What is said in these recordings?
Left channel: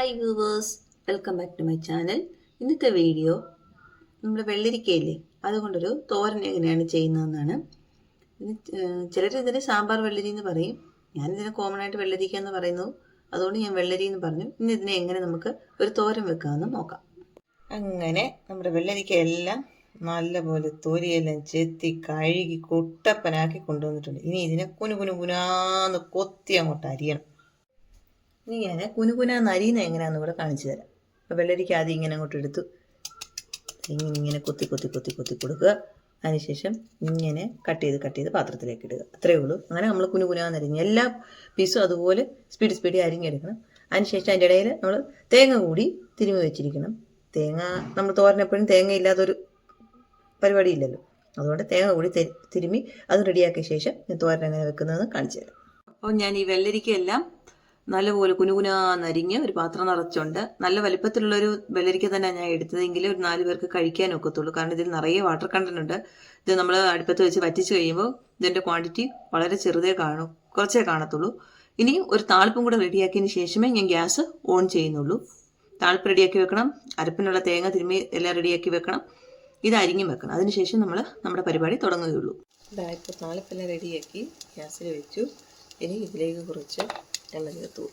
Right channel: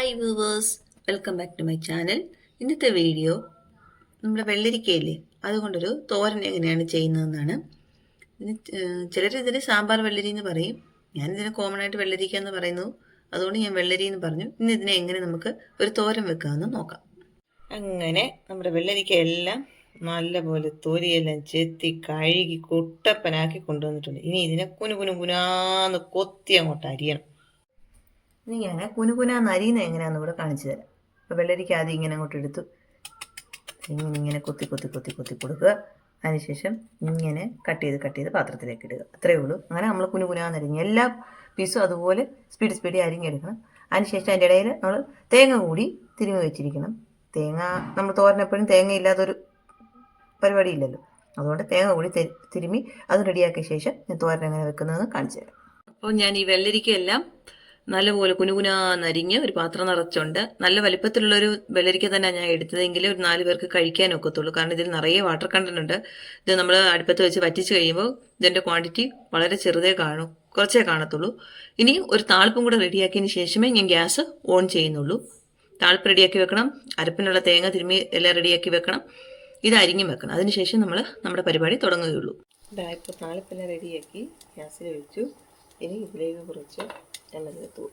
Hi viewers, welcome back to my channel. ഇന്നത്തെ video നമ്മുടെ വെള്ളരിക്കയില്ലേ അതുകൊണ്ടൊരു തോരൻ എങ്ങനെയാണ് ചെയ്യുന്നതെന്നാണ്. ചിലരിതിന് സാമ്പാർ വെള്ളരി എന്ന് പറയും. ഞാനിതിന് കോമൺ ആയിട്ട് വെള്ളരിക്ക എന്ന് പറയുന്നു, അതുകൊണ്ട് ഞാൻ വെള്ളരി എന്ന് പറഞ്ഞു. ഇന്ന് ഇതിനെ എങ്ങനെ നമുക്ക് ഒരു തോരൻ വെക്കാമെന്ന് നോക്കാം. അങ്ങനെ നമ്മുടെ വെള്ളരിക്ക എല്ലാം നല്ലപോലെ തൊലിയെല്ലാം ചെത്തി കഴുകി കുട്ടപ്പനാക്കി കൊണ്ടുവന്നിട്ടുണ്ട്. ഇനി ഇതിനെ കുനുകുനാന്ന് കൊത്തി അങ്ങോട്ട് അരിയണം. ഇനി ഞാൻ കുനുകുനാന്ന് അരിയുന്നത് എങ്ങനെയാണെന്ന് ഇവിടെ കാണിച്ചു തരാം. അപ്പോൾ വെള്ളരിക്ക ആദ്യം ഇങ്ങനെ അങ്ങോട്ട് എടുത്തു ഇങ്ങനെ കൊത്തി കൊത്തി കൊത്തി കൊത്തി കൊടുക്കുക. അതിനുശേഷം ഇങ്ങനെ കട്ട് ചെയ്ത് പാത്രത്തിലേക്ക് ഇടുക. അത്രയേ ഉള്ളൂ. അങ്ങനെ നമ്മൾ കുനുകുനാന്ന് അരിഞ്ഞ് എല്ലാ പീസും അതുപോലെ സ്പീഡ് അരിഞ്ഞെടുക്കണം. അതിനുശേഷം അതിൻ്റെ ഇടയിൽ നമ്മൾ തേങ്ങ കൂടി തിരുമ്മി വെച്ചിരിക്കണം. തേങ്ങ നമ്മൾ തോരനെപ്പോഴും തേങ്ങ ഇല്ലാത്തൊരു പരിപാടിയില്ലല്ലോ, അതുകൊണ്ട് തേങ്ങ കൂടി തിരുമ്മി അത് റെഡിയാക്കിയ ശേഷം ഞാൻ തോരൻ എങ്ങനെ വെക്കുന്നതെന്ന് കാണിച്ചു തരാം. അപ്പോൾ ഞാൻ ഈ വെള്ളരിക്കയെല്ലാം നല്ലപോലെ കുനുകുനാന്നരിഞ്ഞ് ഒരു പാത്രം നിറച്ചുണ്ട്. നല്ല വലിപ്പത്തിലുള്ളൊരു വെള്ളരിക്ക തന്നെ ഞാൻ എടുത്തതെങ്കിൽ ഒരു 4 പേർക്ക് കഴിക്കാൻ ഒക്കത്തുള്ളൂ. കാരണം ഇതിൽ നിറയെ വാട്ടർ കണ്ടന്റ് ഉണ്ട്. ഇത് നമ്മൾ അടുപ്പത്ത് വെച്ച് വറ്റിച്ച് കഴിയുമ്പോൾ ഇതിൻ്റെ ക്വാണ്ടിറ്റി വളരെ കുറച്ചേ കാണത്തുള്ളൂ. ഇനി ഒരു താളിപ്പും കൂടെ റെഡിയാക്കിയതിന് ശേഷമേ ഞാൻ ഗ്യാസ് ഓൺ ചെയ്യുന്നുള്ളൂ. താളിപ്പ് റെഡിയാക്കി വെക്കണം, അരപ്പിനുള്ള തേങ്ങ തിരുമ്മി എല്ലാം റെഡിയാക്കി വെക്കണം, ഇത് അരിഞ്ഞും വെക്കണം. അതിനുശേഷം നമ്മൾ നമ്മുടെ പരിപാടി തുടങ്ങുകയുള്ളൂ. ഇപ്പോൾ താളിപ്പെല്ലാം റെഡിയാക്കി ഗ്യാസിൽ വെച്ചു. ഇനി ഇതിലേക്ക് കുറച്ച് എണ്ണ ചേർത്തു.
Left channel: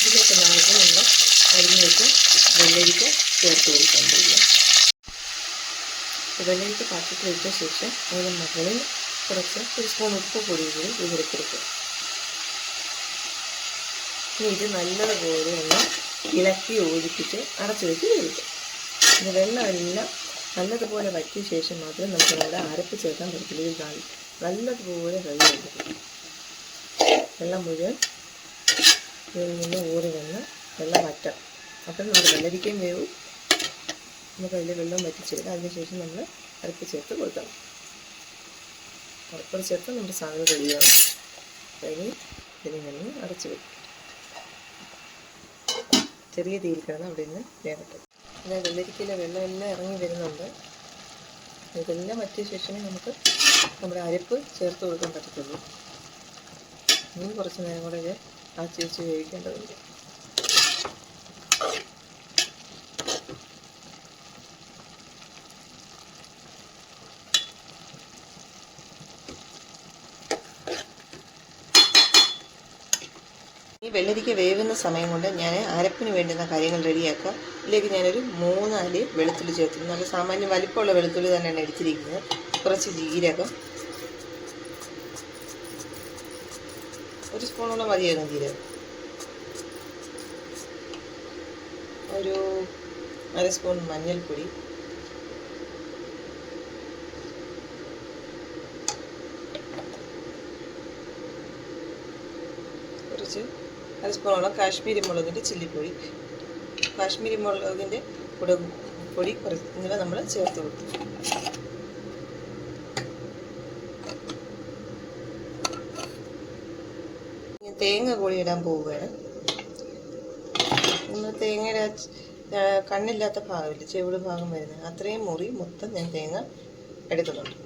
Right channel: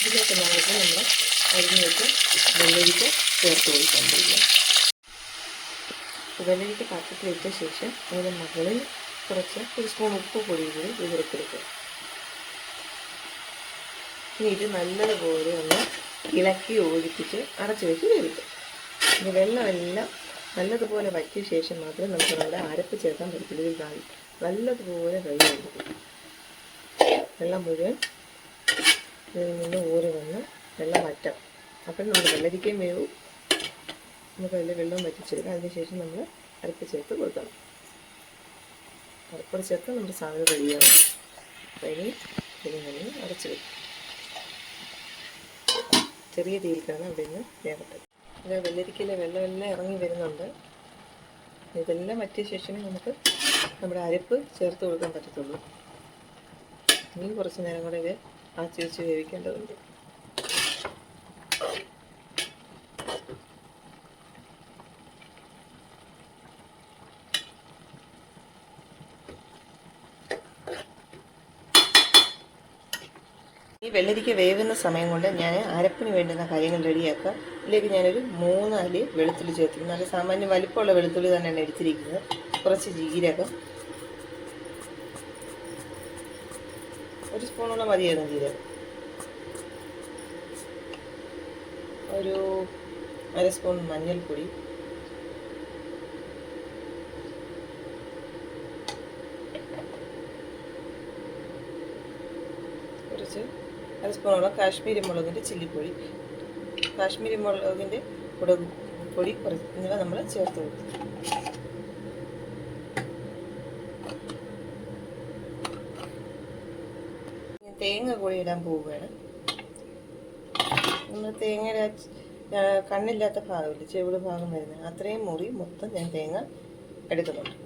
ഇതിലേക്ക് നമുക്ക് നമ്മൾ അരിഞ്ഞ് വെച്ച് വെള്ളരിക്ക ചേർത്ത് കൊടുക്കേണ്ടില്ല. വെള്ളരിക്ക പാത്രത്തിൽ ഇട്ട ശേഷം അതിന് മുകളിൽ കുറച്ച് ഒരു സ്പൂൺ ഉപ്പ് പൊടി കൂടി വിതറിക്കൊടുക്കുക. ഇനി ഇത് നല്ലതുപോലെ ഒന്ന് ഇളക്കി യോജിപ്പിച്ച് അടച്ചു വെച്ച് വേവിക്കുക. ഇത് വെള്ളമെല്ലാം നല്ലതുപോലെ വറ്റിയ ശേഷം മാത്രം നമുക്ക് നമ്മുടെ അരപ്പ് ചേർക്കാൻ പറ്റില്ല. ഇത് നല്ലതുപോലെ വെള്ളം ഒഴിക്കും. വെള്ളം മുഴുവൻ ഇതിൽ നിന്ന് ഊറി വന്ന് വെള്ളം വറ്റാം. അപ്പോൾ നമ്മുടെ വെള്ളരിക്കയും വേവും, നമുക്ക് അതിൽ വെള്ളം വറ്റിച്ചെടുക്കാം. അതിനുശേഷം നമ്മൾ അരപ്പ് ചേർത്ത് കൊടുക്കണം. അരപ്പ് ചേർത്ത് നമ്മുടെ സാധനം റെഡിയാവും. അതിന് ഇതിനെ അടച്ചു വയ്ക്കും. ചെറിയ തീയിൽ കിടന്ന് അവിടെ നിന്ന് വേകട്ടെ. അതായത് വെള്ളരിക്കയിലെ വെള്ളമെല്ലാം ഇറങ്ങി വരുന്നുണ്ട്. ഇതെല്ലാം വറ്റിയ ശേഷമേ നമുക്ക് നമ്മുടെ അരപ്പ് ചേർത്ത് കൊടുക്കാൻ പറ്റത്തുള്ളൂ. ഇനിയും കുറച്ച് നേരം കൂടെ ഇത് ആച്ചി വെച്ച് വേവിക്കേണ്ടതുണ്ട്. ഈ വെള്ളരിക്ക വേവുന്ന സമയം കൊണ്ട് ഞാൻ അരപ്പിന് വേണ്ടുന്ന കാര്യങ്ങൾ റെഡിയാക്കുക. ഇതിലേക്ക് ഞാനൊരു 3 അല്ലി വെളുത്തുള്ളി ചേർത്തിരുന്നു. നല്ല സാമാന്യം വലിപ്പമുള്ള വെളുത്തുള്ളി തന്നെയാണ് എടുത്തിരിക്കുന്നത്. കുറച്ച് ജീരകം, ഒരു സ്പൂണോളം മതിയായിരുന്നു ജീരകം, ഒരു 1/2 സ്പൂൺ മഞ്ഞൾപ്പൊടി, കുറച്ച് 1/2 സ്പൂണോളം കാശ്മീരി മുളകിൻ്റെ ചില്ലിപ്പൊടി, കാശ്മീരി മുളകിൻ്റെ പൊടി കുറച്ച് എന്നിവ നമ്മൾ ചേർത്ത് കൊടുക്കും. തേങ്ങ കൂടി ഇടാൻ പോവുകയാണ്. നമ്മൾ തേങ്ങയുടെ കണ്ണില്ലാത്ത ഭാഗമില്ല, ചെവിട് ഭാഗം വരുന്നത്, അത്രയും മുറി മൊത്തം ഞാൻ തേങ്ങ എടുക്കുന്നുണ്ട്.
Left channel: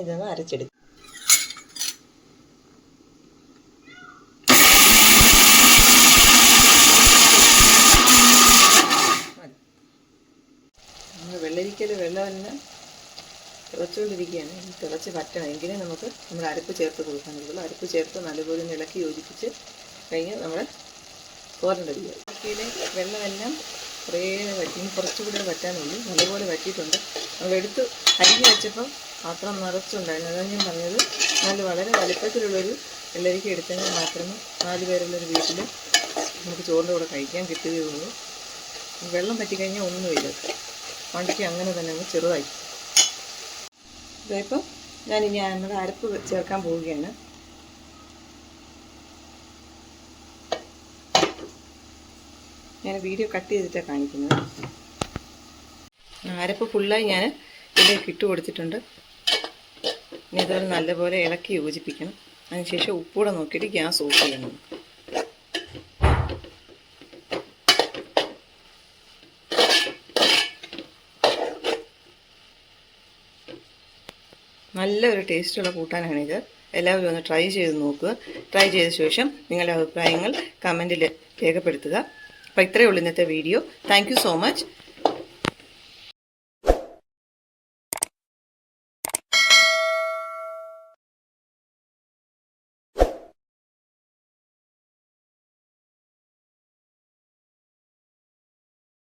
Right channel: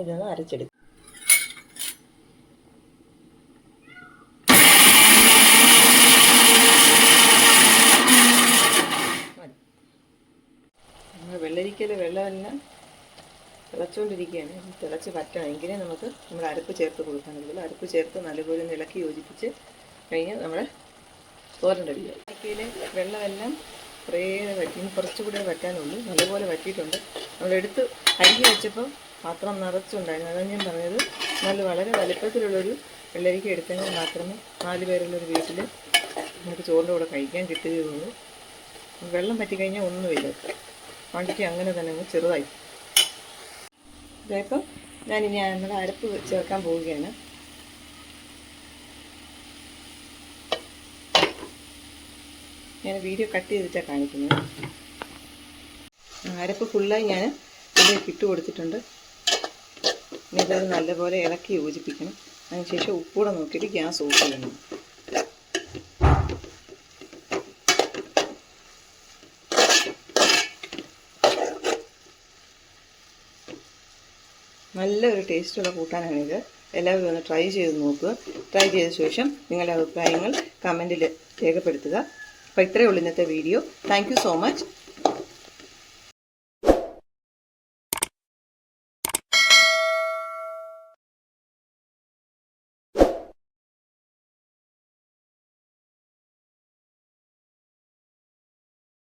ഇതൊന്ന് അരച്ചെടുക്കും. വെള്ളരിക്കയിൽ വെള്ളമെല്ലാം തിളച്ചുകൊണ്ടിരിക്കുകയാണ്. തിളച്ച് പറ്റണം, എങ്കിലേ നമുക്ക് നമ്മുടെ അരപ്പ് ചേർത്ത് കൊടുക്കാനുള്ളൂ. അരപ്പ് ചേർത്ത് നല്ലപോലെ ഇളക്കി യോജിപ്പിച്ച് കഴിഞ്ഞാൽ നമ്മുടെ തോരൻ റെഡിയായി. വെള്ളരിക്കയിലെ വെള്ളമെല്ലാം കുറേ വറ്റി, കുറച്ചുകൂടെ വറ്റാനുള്ളൂ. നല്ലപോലെ വറ്റിയിട്ടുണ്ട്. നമ്മളെടുത്ത് അരിഞ്ഞ് വെച്ചപ്പം പാത്രം നിറച്ചുണ്ടായിരുന്നു. അതാണ് ഞാൻ പറഞ്ഞത്, വളരെ വലിപ്പത്തിലുള്ളൊരു വെള്ളരിക്ക എടുത്തെങ്കിൽ മാത്രമേ 4 പേരുള്ളൊരു വീട്ടിൽ നമുക്ക് ചോറിൻ്റെ കൂടെ കഴിക്കാൻ കിട്ടുകയുള്ളൂ. വെള്ളം പറ്റിക്കഴിഞ്ഞാൽ ഒന്നുമില്ല. വണ്ടിക്ക് അങ്ങനെ തന്നെ അങ്ങ് ചെറുതായി. ഇതായപ്പോൾ ഞാനിനി നമ്മുടെ അരപ്പ് ചേർക്കാൻ പോവുകയാണ്. ഞാൻ വീഡിയോ കട്ട് ചെയ്തിട്ടാണ് കാണിക്കുന്നത്. അരപ്പ് ഫുള്ളായി ഞാൻ ഇതിലേക്ക് ഇട്ട് കൊടുത്തിട്ടുണ്ട്. ഇനി ഇതൊരു നല്ലപോലെ ഇളക്കി യോജിപ്പിക്കണം. അതിനുശേഷം ഉപ്പൂടെ നോക്കിയിട്ട് ഗ്യാസ് ഓഫ് ചെയ്യണം. നല്ലൊരു ടേസ്റ്റുള്ള കൂട്ടാനാണിത്. എല്ലാവരും ഒന്ന് ട്രൈ ചെയ്ത് നോക്കുക. ട്രൈ ചെയ്ത ശേഷം നിങ്ങളുടെ അഭിപ്രായങ്ങൾ കമൻറ്റിൽ രേഖപ്പെടുത്തുക. അപ്പോൾ ഇത്രയേ ഉള്ളൂ ഇന്നത്തെ video. Thank you so much.